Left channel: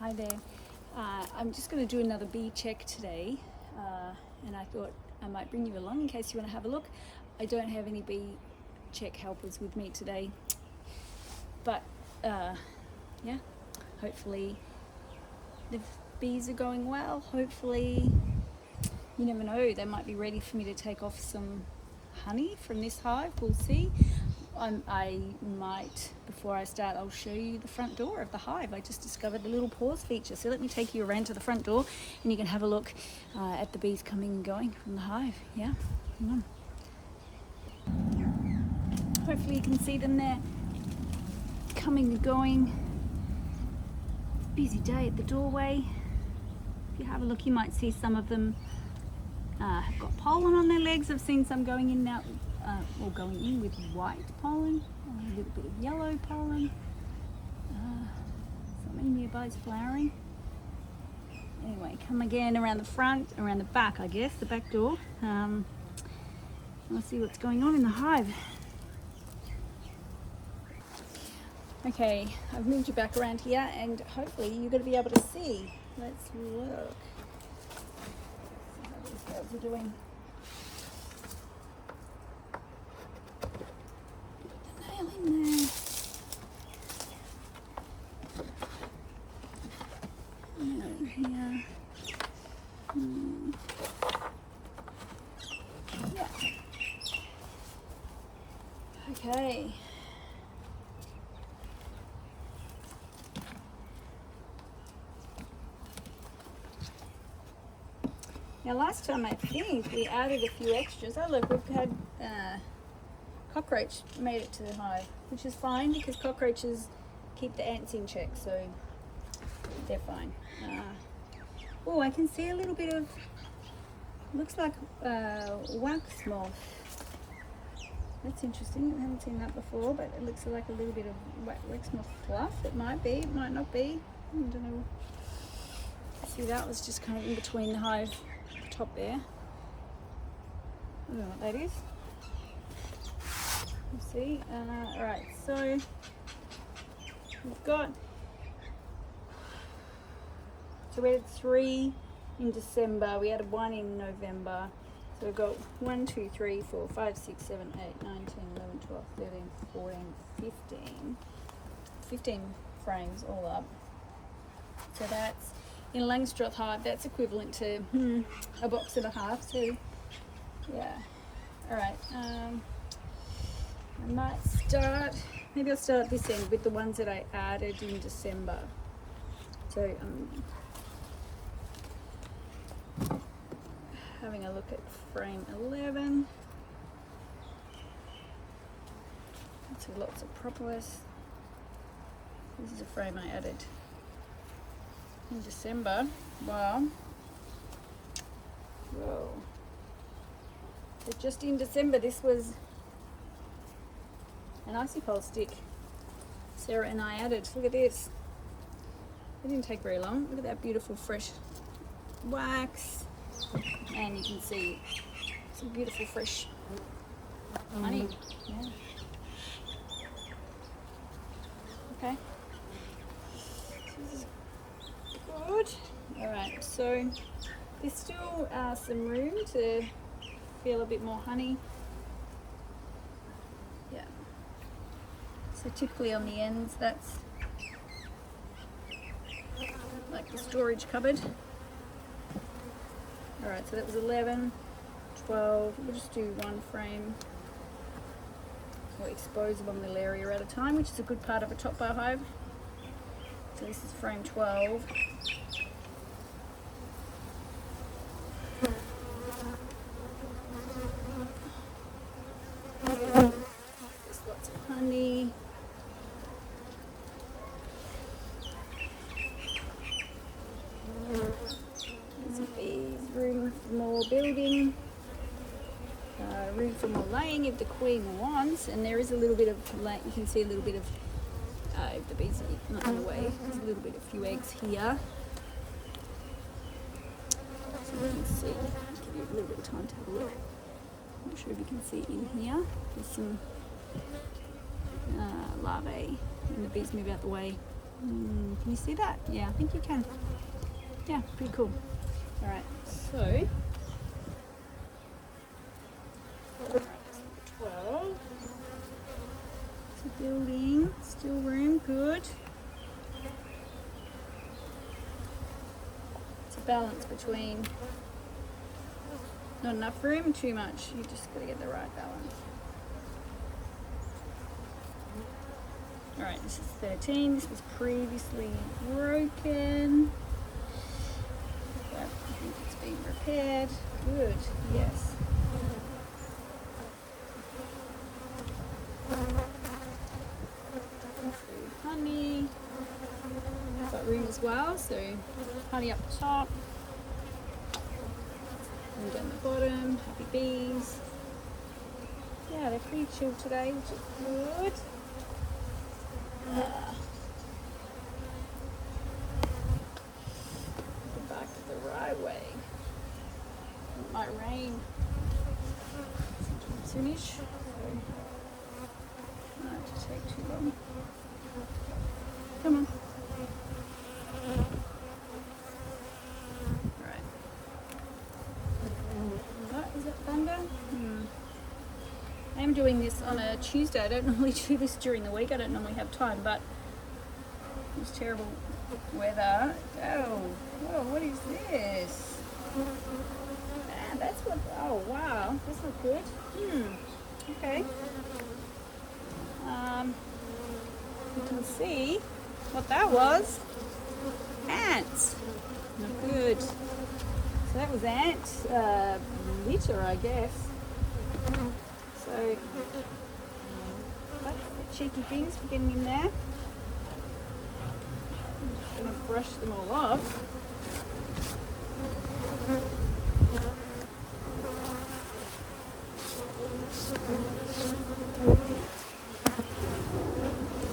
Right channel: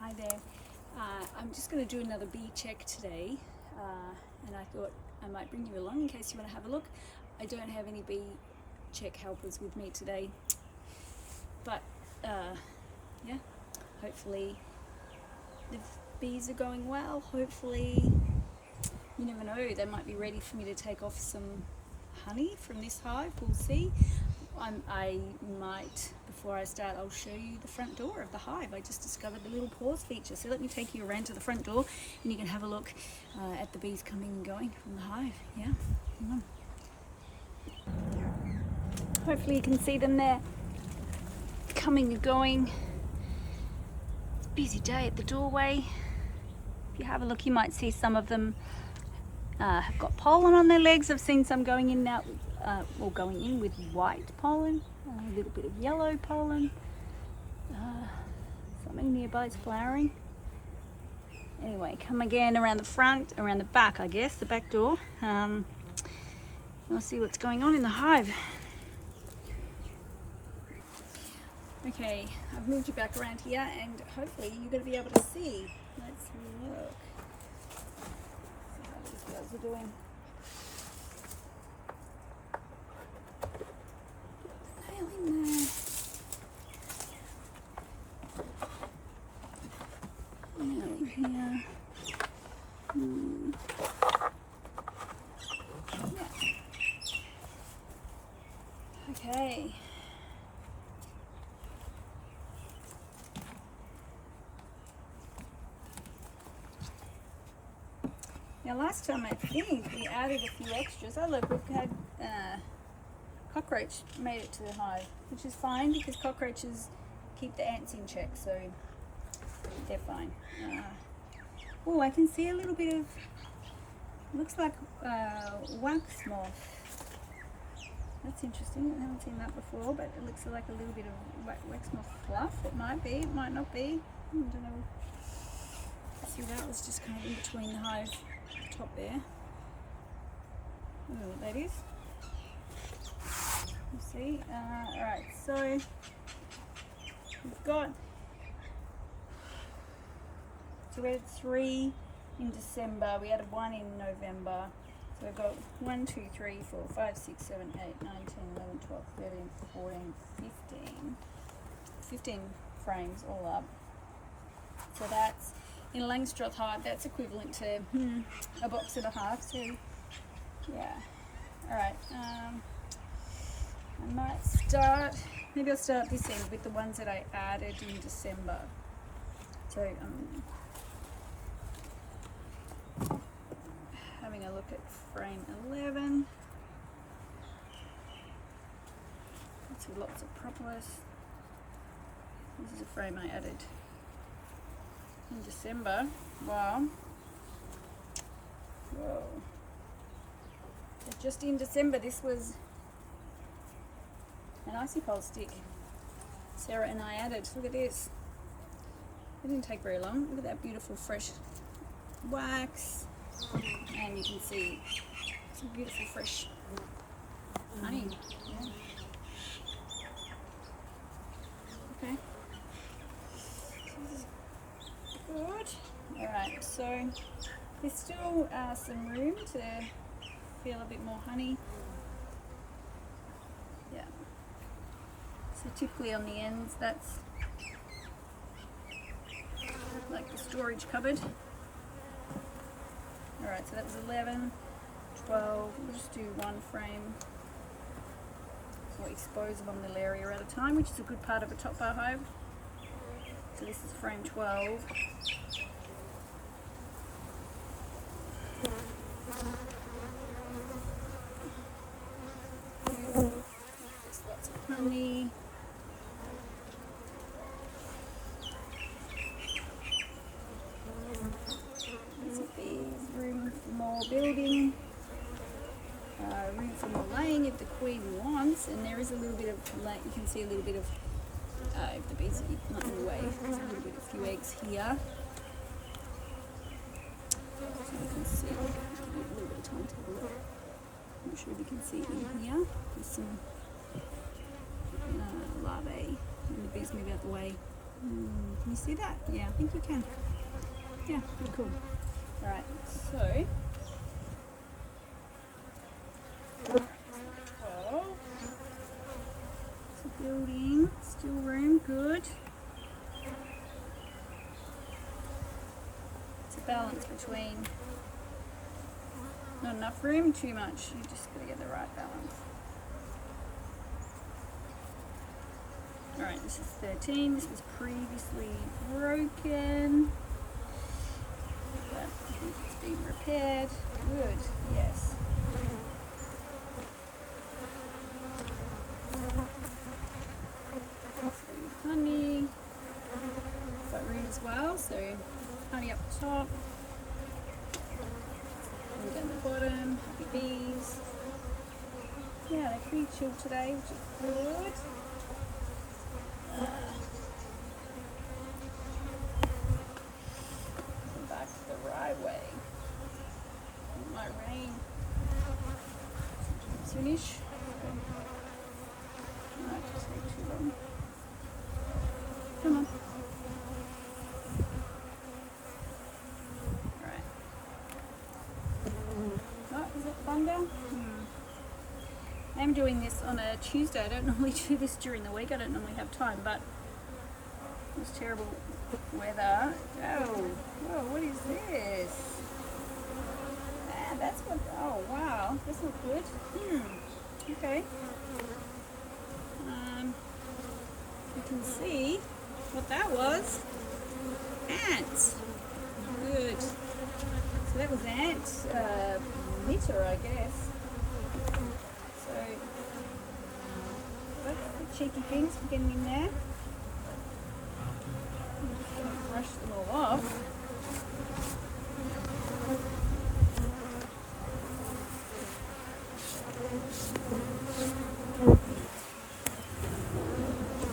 Hi there. I'm just going to do another bee check today, and I thought I might bring you along in case you want to have a look. I don't have any bee check helpers with me today, but yeah, hopefully the bees are going well. Hopefully, you never know, they might be ready for me to take off some honey from this hive. We'll see. I might, before I start, I'll show you the front door of the hive. I just discovered a little pause feature, so let me take you around to the front door and you can have a look at the bees coming and going from the hive. Yeah, hang on. Hopefully you can see them there coming and going. It's a busy day at the doorway. If you have a look, you might see some of them have got pollen on their legs. I've seen some going in now, or going in with white pollen, a little bit of yellow pollen. Something nearby is flowering. Anyway, come again around the front, around the back, I guess, the back door. We'll see what's going on in the hive. Okay, I've moved you back around here, and hopefully you're going to be able to see. Let's look. See how these girls are doing. Here. Yeah. Okay. Now last time I think we added a few extras. Oh look, we've had cockroach made it to the hive, which is fine because cockroaches keep the ants in check, so they're fine. Oh, I can see a little bit of, looks like wax moth. That's interesting. I haven't seen that before, but it looks like a little bit of wax moth fluff. It might be, it might not be. I don't know. See, that was just kind of in between the hive, the top there. I don't know what that is. You see? Alright, so we've got, so we had 3 in December, we had 1 in November. So we've got 1, 2, 3, 4, 5, 6, 7, 8, 9, 10, 11, 12, 13, 14, 15. 15 frames all up. So that's, in Langstroth hive, that's equivalent to a box and a half. So yeah, alright. I might start, maybe I'll start at this end with the ones that I added in December. So having a look at frame 11. See lots of propolis. This is a frame I added in December. Wow. Whoa. So just in December, this was an icicle stick Sarah and I added. Look at this. It didn't take very long. Look at that beautiful fresh wax. And you can see some beautiful fresh honey. Yeah. Okay. This is good. Alright, so there's still some room to feel a bit more honey. Yeah. So typically on the ends, that's like the storage cupboard. Alright, so that was 11, 12, we'll just do 1 frame or expose one little area at a time, which is a good part of a top bar hive. So this is frame 12. There's lots of honey. Room for more building, room for more laying if the queen wants, and there is a little bit of, you can see a little bit of, if the bees are not in the way, there's a little bit of few eggs here. So you can see, I'll give you a little bit of time to have a look. I'm not sure if you can see in here, there's some larvae, and the bees move out the way. Can you see that? Yeah, I think you can. Yeah, pretty cool. All right, so 12. So building, still room, good. It's a balance between not enough room, too much. You just got to get the right balance. All right, this is 13. This was previously broken, but I think it's been repaired. Good, yes. Honey. Got room as well, so honey up the top. And down the bottom, happy bees. Yeah, they're pretty chill today, which is good. Go back to the right way. It might rain soonish, so it might just take too long. Come on. Alright. What, is it thunder? I'm doing this on a Tuesday. I don't normally do this during the week. I don't normally have time, but it's terrible weather. Oh, whoa, what is this? Ah, that's what, oh wow, that's not good. Okay. You can see what that was. Ants. Not good. So that was ant litter, I guess. So, cheeky things for getting in there. I'm just going to brush them all off.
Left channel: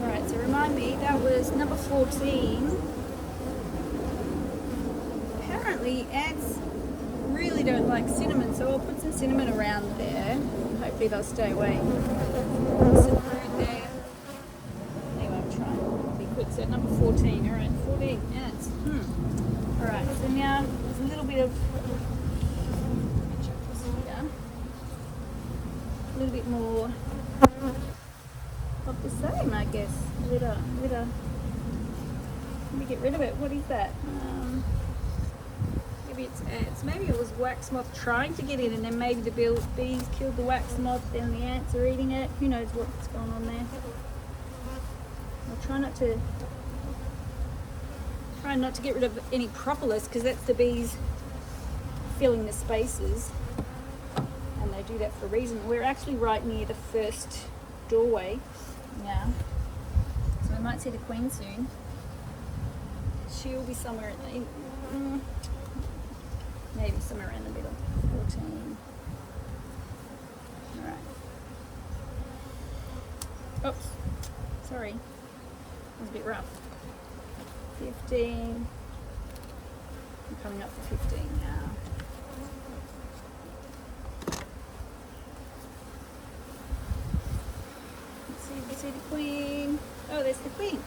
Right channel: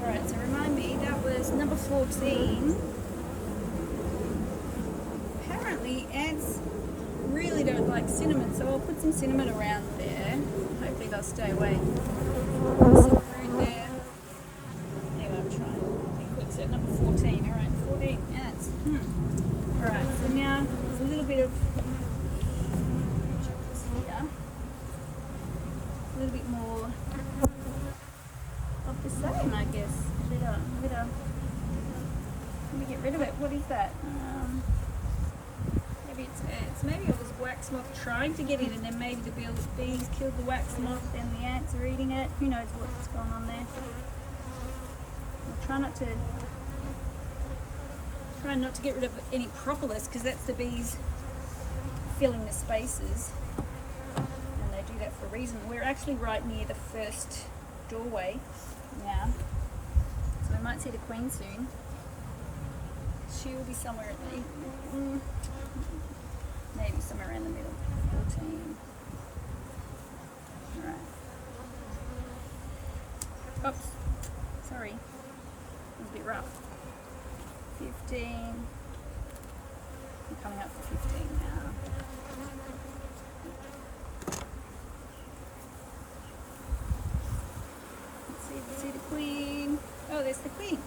Alright, so remind me, that was number 14. Apparently ants really don't like cinnamon, so I'll put some cinnamon around there. Hopefully they'll stay away. Some room there. Anyway, I'm trying. Quick set, number 14. Alright, 14 ants. Alright, so now there's a little bit of here. A little bit more of the same, I guess. Litter. Let me get rid of it. What is that? Maybe it's ants. Maybe it was wax moth trying to get in, and then maybe the bees killed the wax moth and the ants are eating it. Who knows what's going on there? I'll try not to get rid of any propolis, because that's the bees filling the spaces, and they do that for a reason. We're actually right near the first doorway now, so we might see the queen soon. She'll be somewhere maybe somewhere around the middle. 14. Alright. Oops. Sorry. That was a bit rough. 15. I'm coming up to 15 now. Let's see the queen. Oh, there's the queen.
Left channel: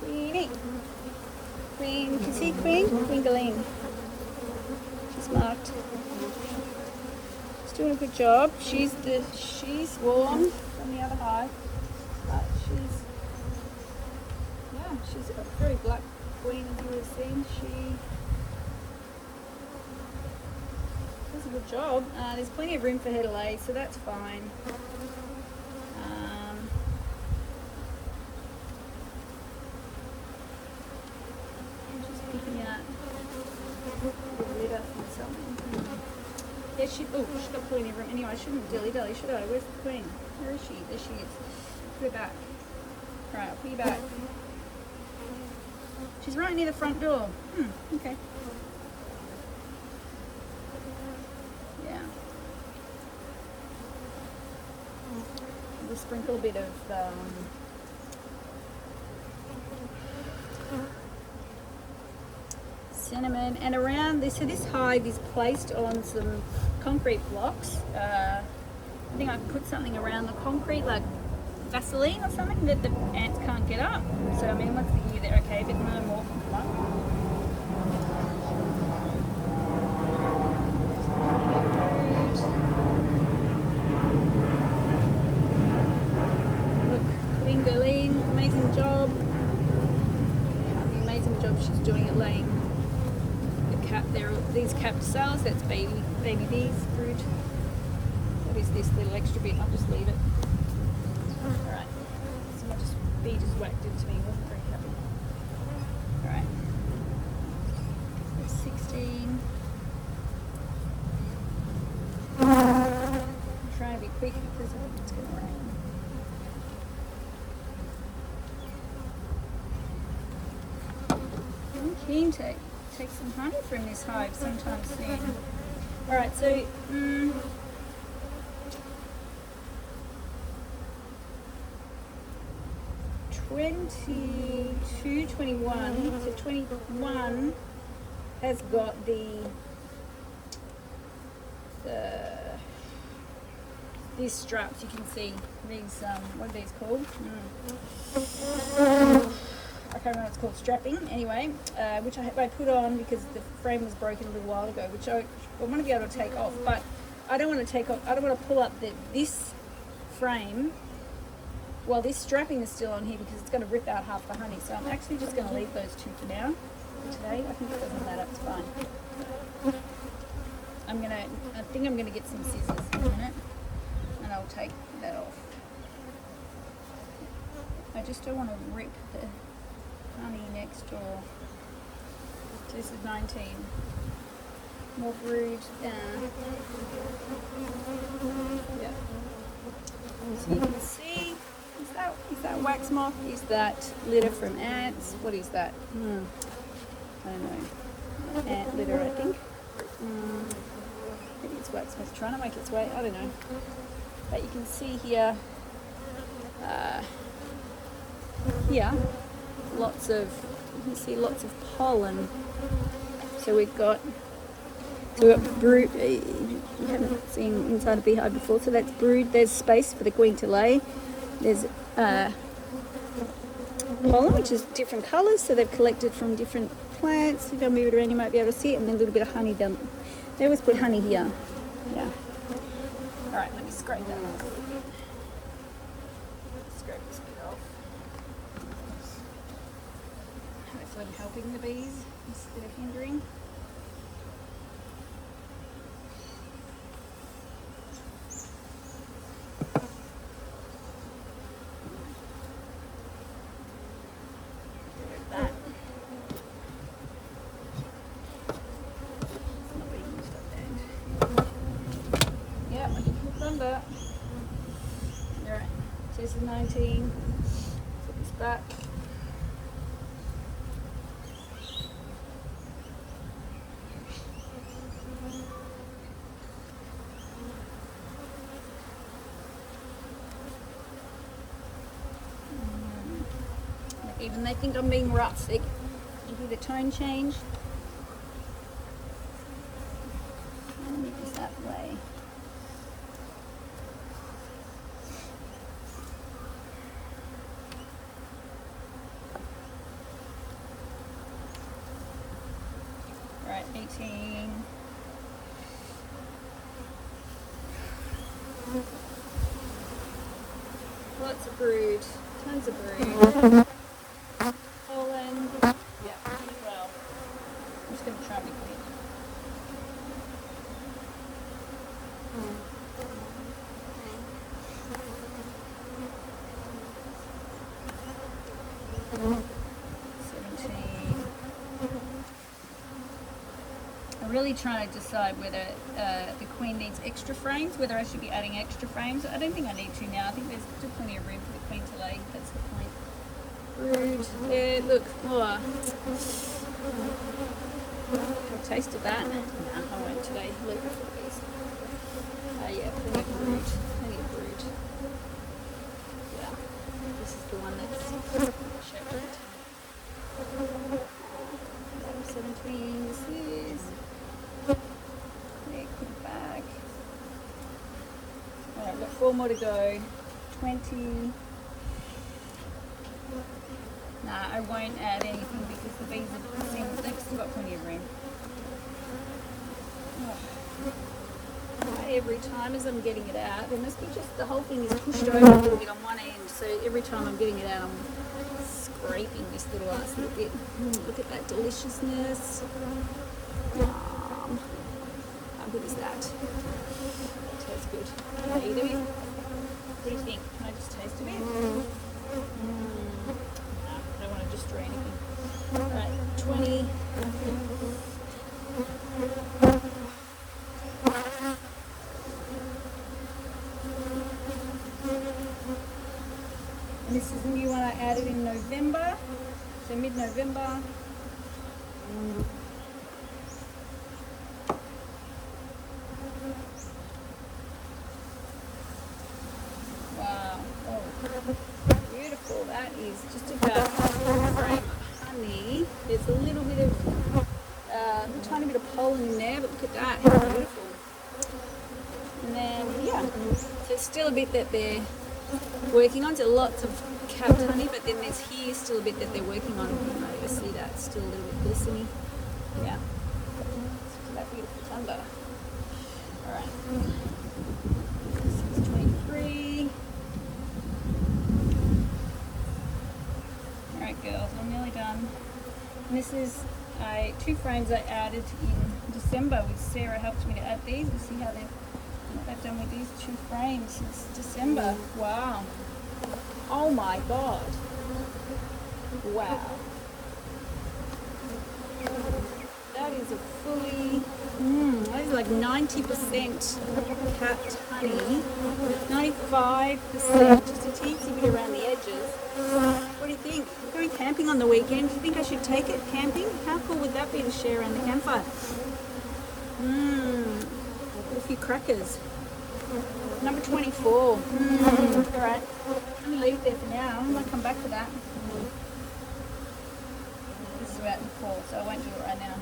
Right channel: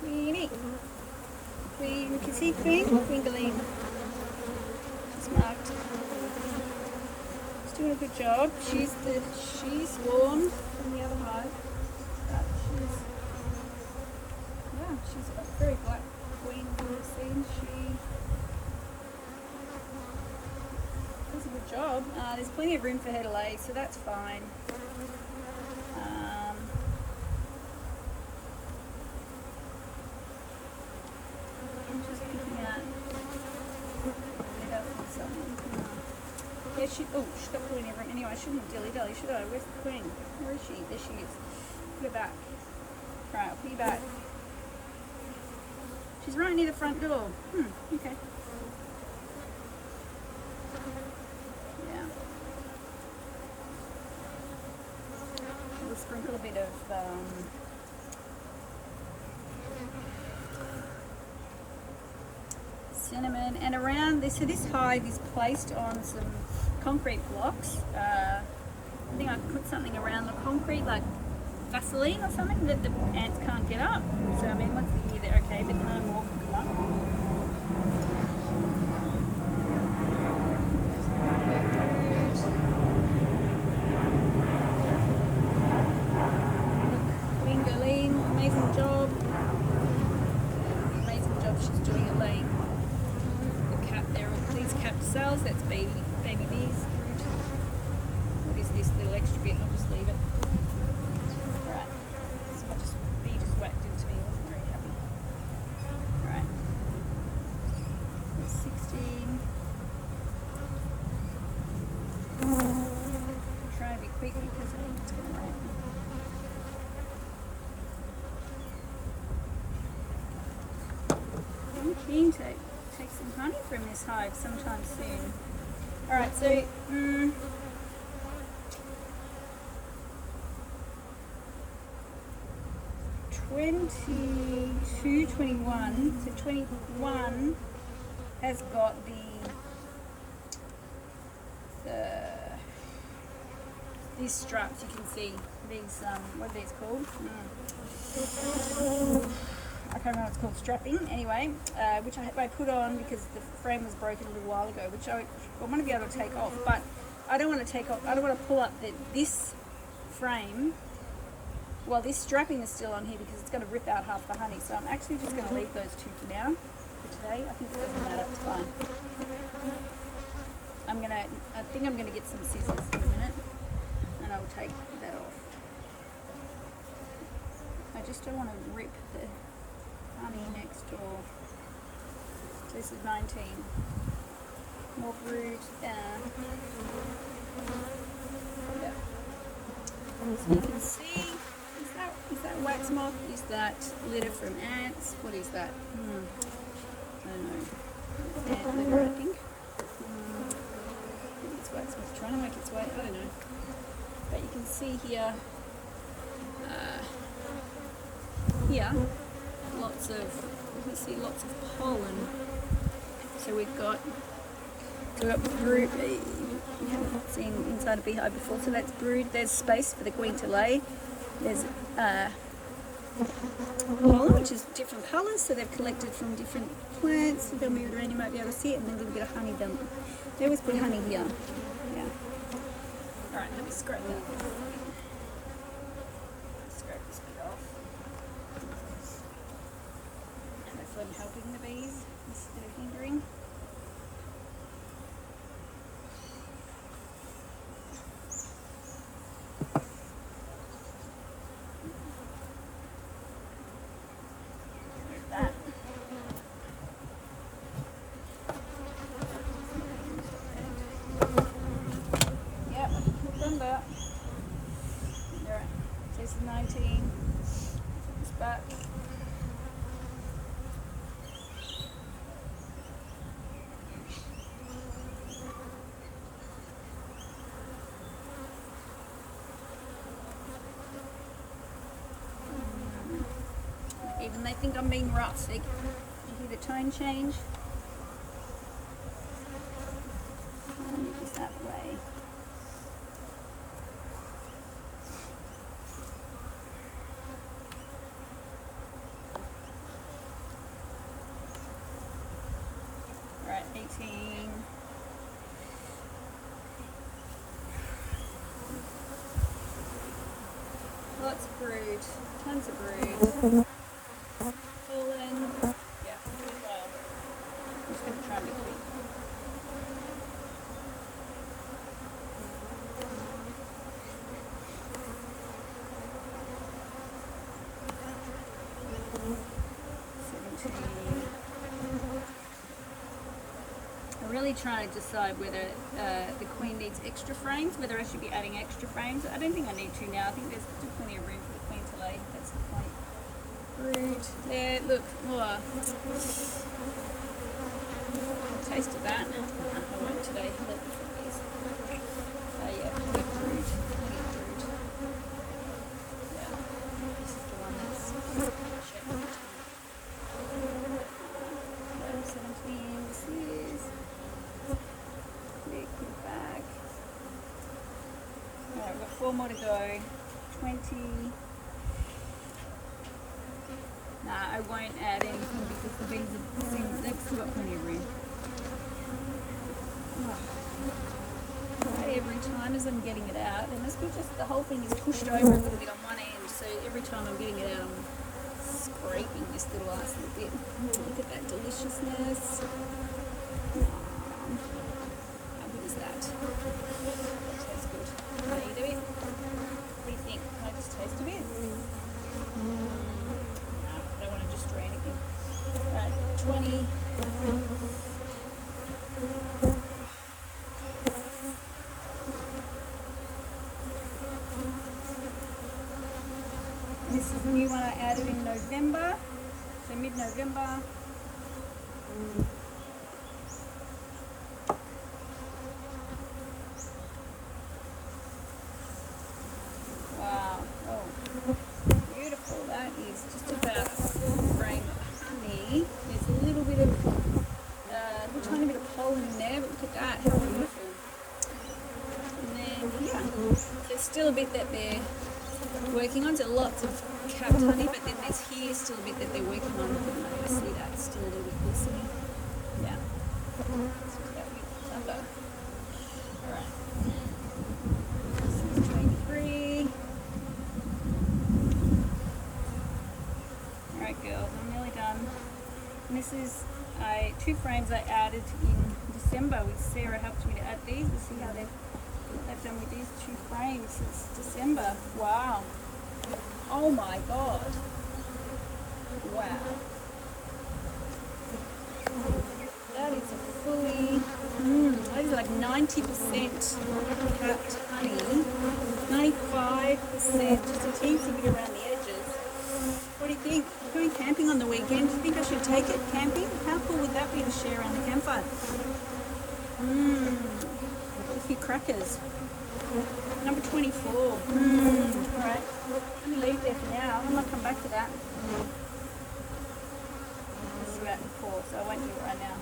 Queenie. Queen, can you see Queen? Queen Galeen. She's marked. She's doing a good job. She's warm from the other hive, but she's a very black queen, as you will see. She does a good job. There's plenty of room for her to lay, so that's fine. Yeah, she's got put in every room. Anyway, I shouldn't dilly-dally, should I? Where's the queen? Where is she? There she is. Put her back. Right, I'll put you back. She's right near the front door. Okay. Yeah. We'll sprinkle a bit of cinnamon and around this. So this hive is placed on some concrete blocks. I think I put something around the concrete, like Vaseline or something that the ants can't get up. So I mean, once a year they're okay, but no more can come up. She's doing it laying the cap there. These capped cells, that's baby bees brood. What is this little extra bit? I'll just leave it. Alright. Someone just bee just whacked into me, wasn't very happy. Alright. That's 16. I'll try to be quick because I think it's gonna rain. I'm keen to take some honey from this hive sometime soon. Alright, so 22, 21. So 21 has got these straps. You can see these. What are these called? I can't remember what it's called, strapping, anyway, which I put on because the frame was broken a little while ago, which I want to be able to take off, but I don't want to take off, I don't want to pull up this frame while this strapping is still on here because it's going to rip out half the honey, so I'm actually just going to leave those two for now, today. I think it doesn't matter, it's fine. I think I'm going to get some scissors in a minute, and I'll take that off. I just don't want to rip the honey next door. So this is 19. More brood. Yeah. So you can see, is that wax moth? Is that litter from ants? What is that? I don't know. Ant litter, I think. I think it's wax moth trying to make its way. I don't know. But you can see here. Yeah. You can see lots of pollen. So we've got brood. You haven't seen inside a beehive before, so that's brood. There's space for the queen to lay. There's pollen, which is different colours, so they've collected from different plants. If I move it around, you might be able to see it, and then a little bit of honey down. They always put honey here. Yeah. All right, let me scrape that off. Scrape this bit off. Hopefully I'm helping the bees instead of hindering. That. Yeah, I can put them back. Alright, so this is 19. Put this back. Even they think I'm being rough. You hear the tone change. Let me move this that way. Right, 18. Lots of brood, tons of brood. Pollen. Yeah, well, I'm just going to try and be quick. I'm really trying to decide whether the queen needs extra frames, whether I should be adding extra frames. I don't think I need to now. I think there's still plenty of room for the queen to lay. That's the point. Brood. Yeah, look. Oh. I tasted that. I won't today. Wait before these. Yeah, plenty of brood. Plenty of brood. Yeah. This is the one that's shepherd. Yeah, 17. This is. Quick back. Alright, we've got 4 more to go. 20. Nah, I won't add anything because the bees they've still got plenty of room. Oh. Every time as I'm getting it out, it must be just the whole thing is pushed over a little bit on one end, so every time I'm getting it out I'm scraping this little ass little bit. Look at that deliciousness. How good is that? That tastes good. How are you doing? What do you think? Can I just taste a bit? No, I don't want to destroy anything. Alright, 20. And this is the new one I added in November, so mid-November. Wow, oh, beautiful. That is just about a full frame of honey. There's a little bit of, little tiny bit of pollen in there, but look at that, it's beautiful. And then, yeah, so still a bit that they're working on, so lots of capped honey, but then there's here still a bit that they're working on, and obviously that's still a little bit glistening. Yeah, let's look at that beautiful jumbo. Alright, this is 23. Alright girls, I'm nearly done. And this is 2 frames I added in December. With Sarah helped me to add these. We'll see how what they've done with these 2 frames since December. Wow. Oh my god. Wow. That is a fully, that is like 90% capped honey. 95%, just a teensy bit around the edges. What do you think? We're going camping on the weekend. Do you think I should take it camping? How cool would that be to share around the campfire? A few crackers. Number 24. Alright, let me leave it there for now. I might come back to that. This is out in the core, so I won't do it right now.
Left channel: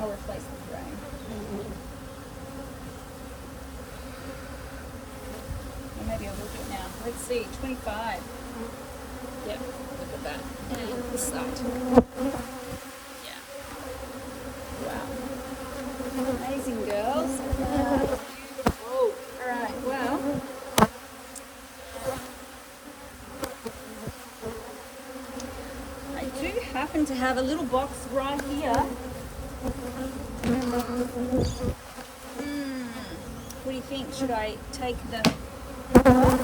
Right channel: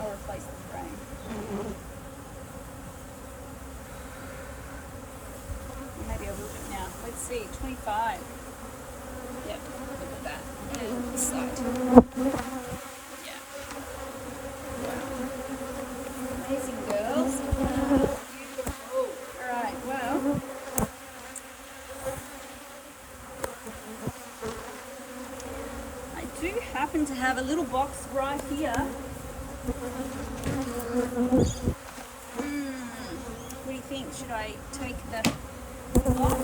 I'll replace the frame. Or maybe I will do it now. Let's see, 25. Yep, look at that. And look at this side. Yeah. Wow. Amazing, girls. Beautiful. Alright, well. I do happen to have a little box right here. What do you think? Should I take the box?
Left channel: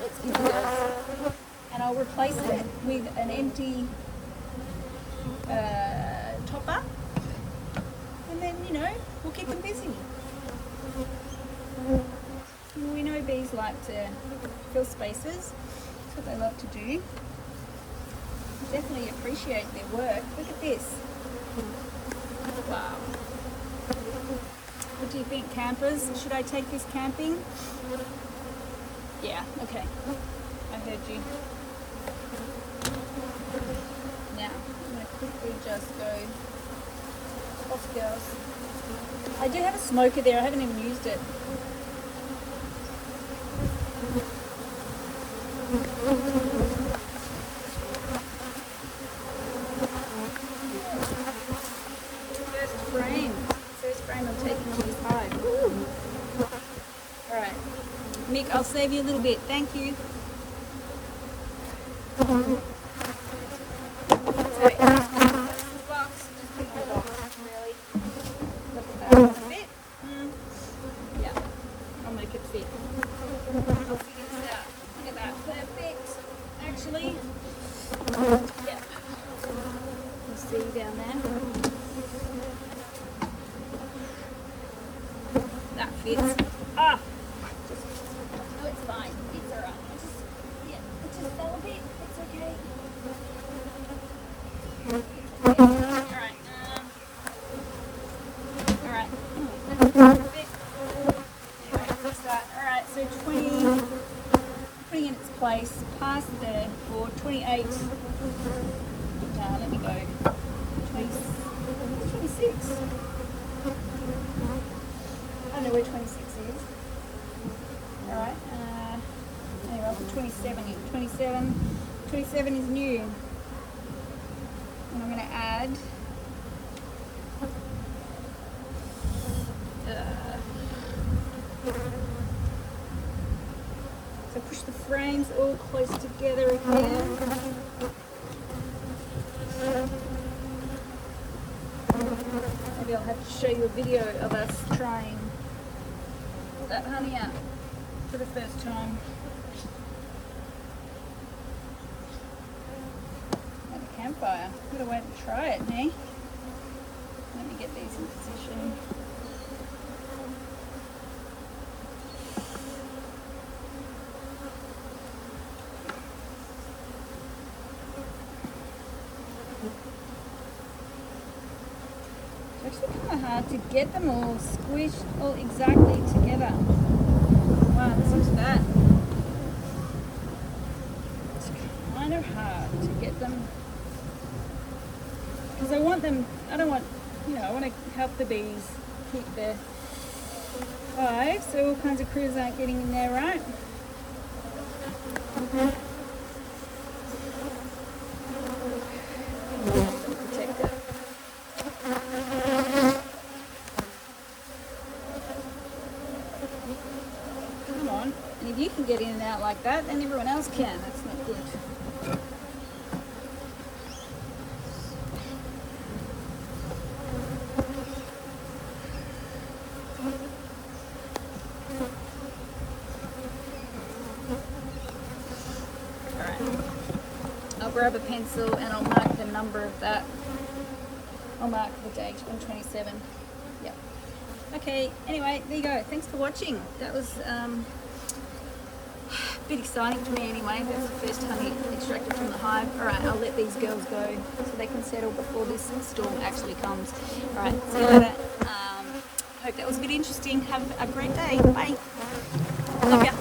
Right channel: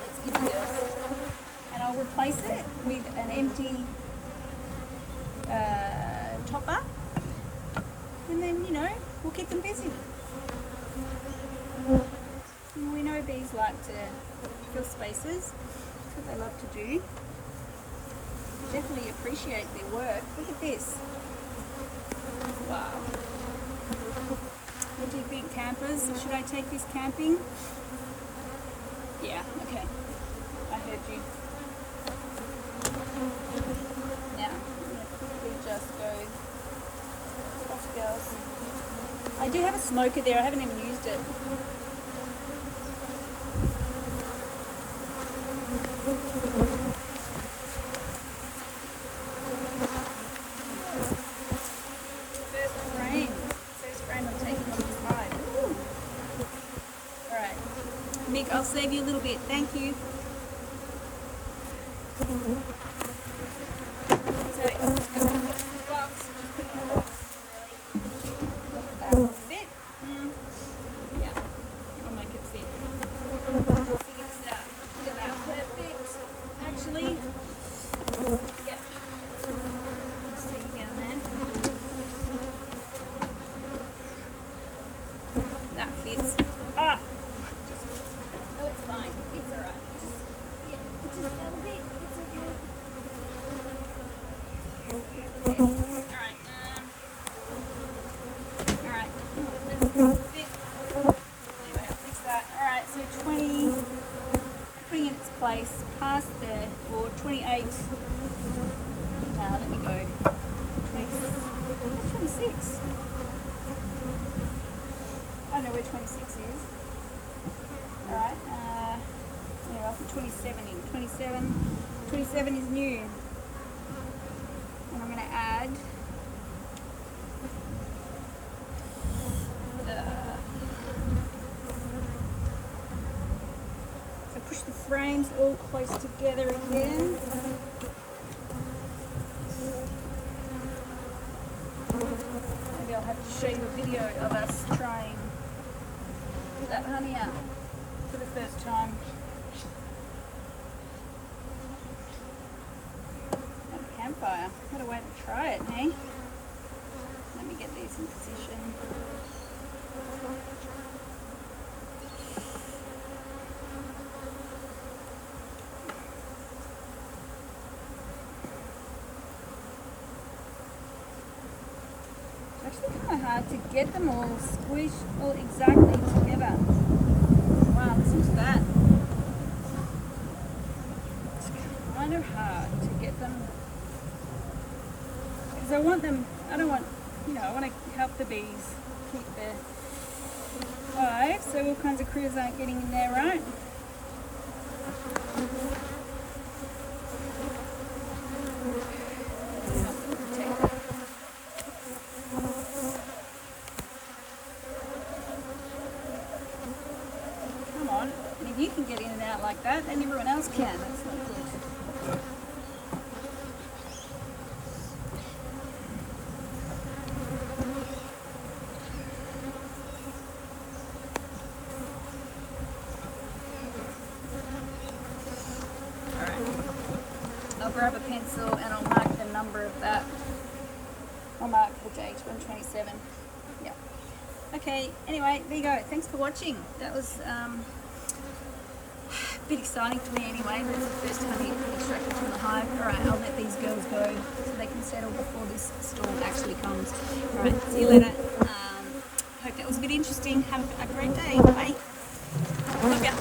Let's give it yours. And I'll replace it with an empty topper. And then, you know, we'll keep them busy. We know bees like to fill spaces. That's what they love to do. Definitely appreciate their work. Look at this. Wow. What do you think, campers? Should I take this camping? Yeah, okay. I heard you. Now, I'm going to quickly just go off, girls. I do have a smoker there. I haven't even used it. First frame I'm taking off this hive. Woo. All right, Nick, I'll save you a little bit. Thank you. That fits. Ah! Just, oh, it's fine. It's alright. Yeah, it's just a little bit. It's okay. Alright. Alright. Alright, so 20. Putting in its place past the, or 28. Let me go. 26. I don't know where 26 is. Alright, anyway, I'll put 27 in. 27 is new. And I'm going to add so push the frames all close together again. Maybe I'll have to show you a video of us trying that honey out for the first time. At the campfire. What a way to try it, hey? Let me get these in position. It's actually kind of hard to get them all squished all exactly together. Wow, listen to that. It's kind of hard to get them, because I want them, I don't want, I want to help the bees keep their hive, so all kinds of critters aren't getting in there, right? Protect it. Come on, and if you can get in and out like that, then everyone else can. That's not good. I'll grab a pencil and I'll mark the number of that. I'll mark the date on 27. Yep. Okay, anyway, there you go. Thanks for watching. That was a bit exciting for me anyway. That's the first honey extracted from the hive. Alright, I'll let these girls go so they can settle before this storm actually comes. Alright, see you later. Hope that was a bit interesting. Have a great day. Bye. Love ya.